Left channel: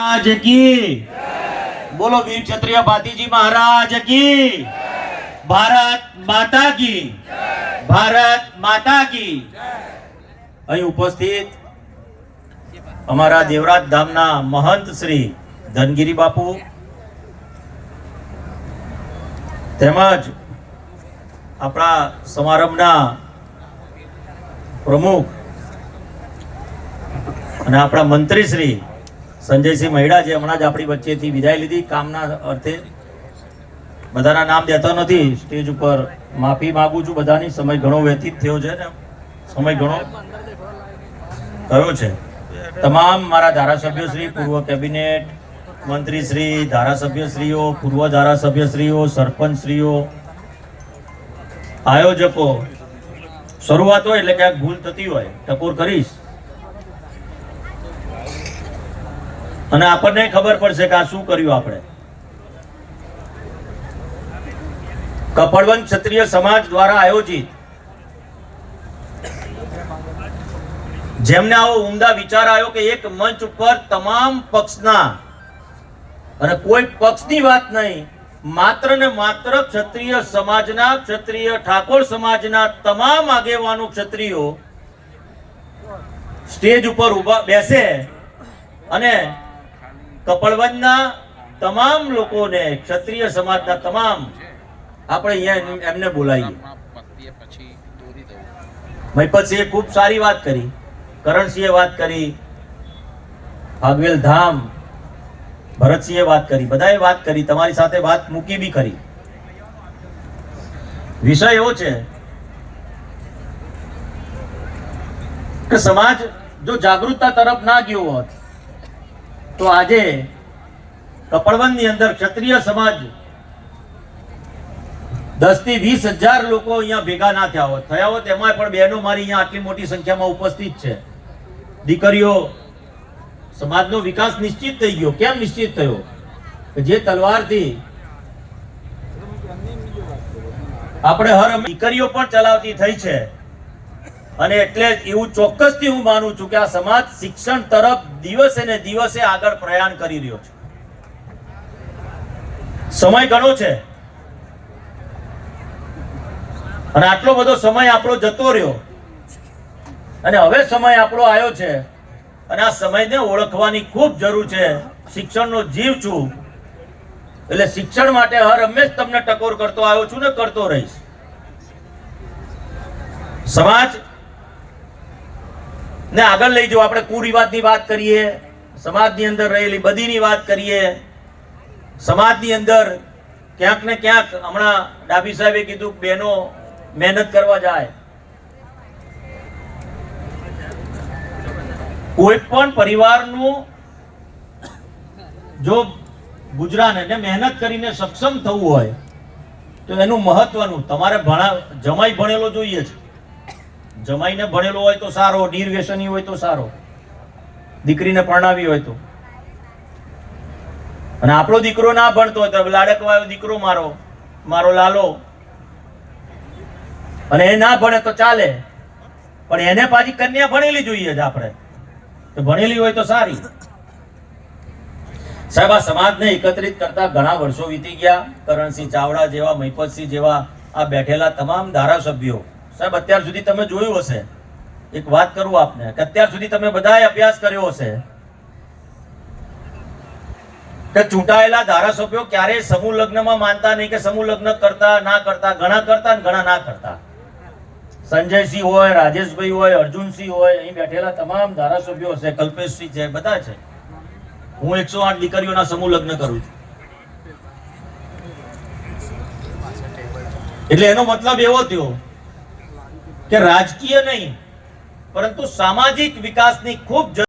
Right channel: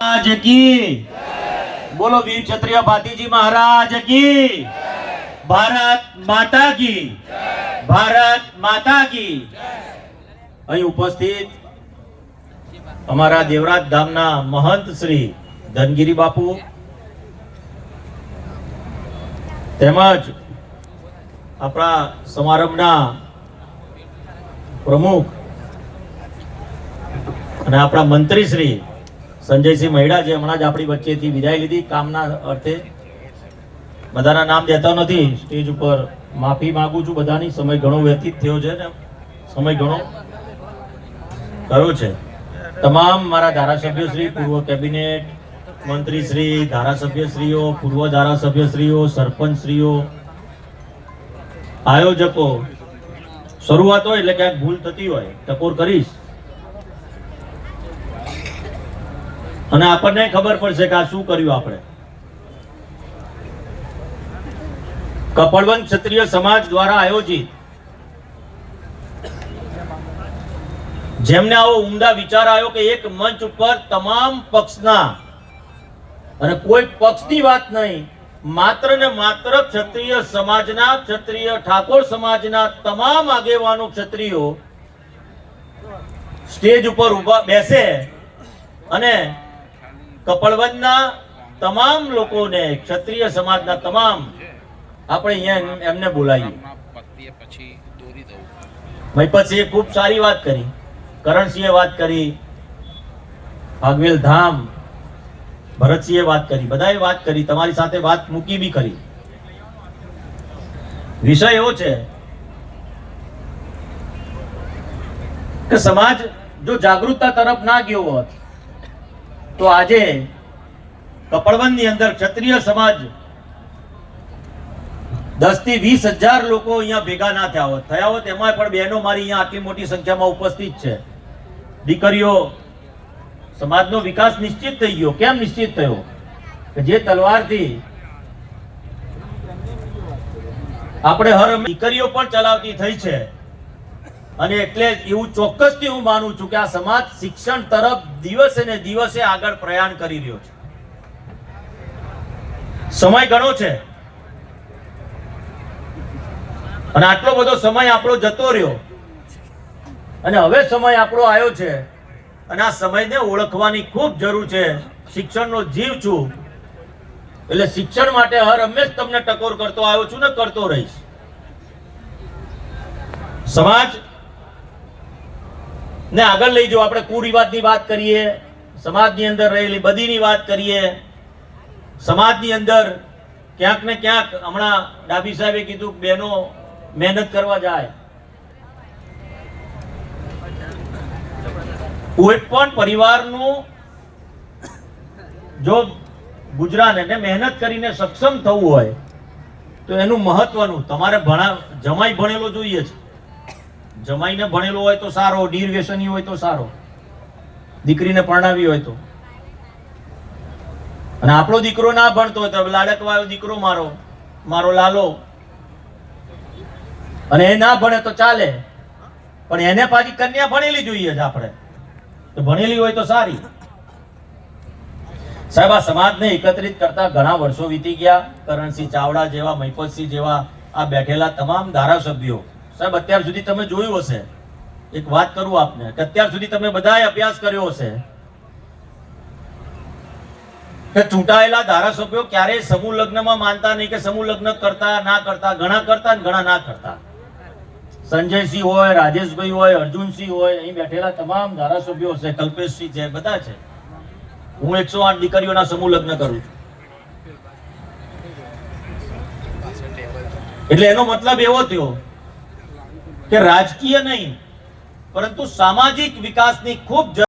મહારાજ કી બોલો વીર ક્ષત્રિય ભાતીજી મહારાજ કી ભારત માતા કી ભારત માતા કી અહીં ઉપસ્થિત અમારા દેવરાજ ધામના મહંત શ્રી ધનગીરી બાપુ, તેમજ આપણા સમારંભના પ્રમુખ અને આપણા મંત્રી શ્રી સંજયસિંહ મહિડા જે હમણાં જ આપણી વચ્ચેથી વિદાય લીધી, કામના અર્થે. બધાના નામ દેતા નથી, સ્ટેજ ઉપર માફી માગું છું બધાની. સમય ઘણો વ્યતીત થયો છે ને. સમય ઘણો થયો છે. તમામ મારા ધારાસભ્ય શ્રી, પૂર્વ કેબિનેટ મંત્રી શ્રી, ધારાસભ્ય શ્રીઓ, પૂર્વ ધારાસભ્ય શ્રીઓ, સરપંચ શ્રીઓ, આયોજકો. શરૂઆત હોય એટલે ક્યાંક ભૂલ થતી હોય, ટકોર કરીશ. અને આપણને ખબર પડશે કે આ શું કર્યું આપણે. કપડવંત ક્ષત્રિય સમાજ દ્વારા આયોજિત જેમને આવો ઉમદા વિચાર આવ્યો કે એક મંચ ઉપર તમામ પક્ષના અને કોઈ પક્ષની વાત નહીં, માત્ર ને માત્ર ક્ષત્રિય સમાજના, ક્ષત્રિય ઠાકોર સમાજના તમામ આગેવાનો ક્ષત્રિયો સ્ટેજ ઉપર ઊભા બેસે અને કપડવંતના તમામ લોકોને, ક્ષત્રિય સમાજના તમામ, આપણે અહીંયા એમને બોલાવીએ. મહિપતસિંહે ખૂબ સારી વાત કરી. કરણસિંહે વાત કરી. ભાગવેલ ધામ, ભરતસિંહે વાત કરી. બધાએ વાત કરી. તમારી સાથે વાત મૂકી બી કરી. વિષય એવો છે કે સમાજ જો જાગૃતતા તરફ ના ગયો હોત તો આજે કપડવનની અંદર ક્ષત્રિય સમાજ દસથી વીસ હજાર લોકો અહીંયા ભેગા ના થયા હોત. થયા હોત એમાં પણ બહેનો મારી અહીંયા આટલી મોટી સંખ્યામાં ઉપસ્થિત છે. દીકરીઓ, સમાજનો વિકાસ નિશ્ચિત થઈ ગયો. કેમ નિશ્ચિત થયો? કે જે તલવારથી આપણે હર દીકરીઓ પણ ચલાવતી થઈ છે. અને એટલે એવું ચોક્કસથી હું માનું છું કે આ સમાજ શિક્ષણ તરફ દિવસે ને દિવસે આગળ પ્રયાણ કરી રહ્યો છે. સમય ઘણો છે. અને આટલો બધો સમય આપણો જતો રહ્યો. અને હવે સમય આપણો આવ્યો છે. અને આ સમયને ઓળખવાની ખૂબ જરૂર છે. શિક્ષણનો જીવ છું. એટલે શિક્ષણ માટે હર હંમેશ તમને ટકોર કરતો આવ્યો છું ને કરતો રહીશ. સમાજ ને આગળ લઈ જાઓ આપણે કુરિવાજની વાત કરીએ, સમાજની અંદર રહેલી બધીની વાત કરીએ, સમાજની અંદર ક્યાંક ને ક્યાંક હમણાં ડાભી સાહેબે કીધું કે બહેનો મહેનત કરવા જાય. કોઈ પણ પરિવારનું જો ગુજરાન એને મહેનત કરીને સક્ષમ થવું હોય, તો એનું મહત્વનું, તમારે ભણા જમાઈ ભણેલો જોઈએ છે. જમાઈને ભણેલો હોય તો સારો ડીર વ્યસની હોય તો સારો, દીકરીને પરણાવી હોય તો. અને આપણો દીકરો ના ભણતો હોય તો લાડકવાયો દીકરો મારો મારો લાલો. અને એ ના ભણે તો ચાલે. પણ એને પાછી કન્યા ભણેલી જોઈએ જ આપણે. તો ભણેલી હોય તો સારી. સાહેબ, આ સમાજને એકત્રિત કરતા ઘણા વર્ષો વીતી ગયા. કરણસિંહ ચાવડા જેવા, મહિપતસિંહ જેવા આ બેઠેલા તમામ ધારાસભ્યો સાહેબ, અત્યાર સુધી તમે જોયું હશે. એક વાત કરું આપને, કે અત્યાર સુધી તમે બધાએ અભ્યાસ કર્યો હશે કે ચૂંટાયેલા ધારાસભ્યો ક્યારેય સમૂહ લગ્નમાં માનતા નહીં કે સમૂહ લગ્ન કરતા, ના કરતા, ઘણા કરતા ઘણા ના કરતા. સંજયસિંહ હોય, રાજેશભાઈ હોય, અર્જુનસિંહ હોય, અહીં બેઠેલા તમામ ધારાસભ્યો છે કલ્પેશસિંહ છે, બધા છે. હું એકસો આઠ દીકરીઓના સમૂહ લગ્ન કરું છું. એટલે એનો મતલબ એવો થયો કે રાજકીય નહીં પરંતુ સામાજિક વિકાસની ખૂબ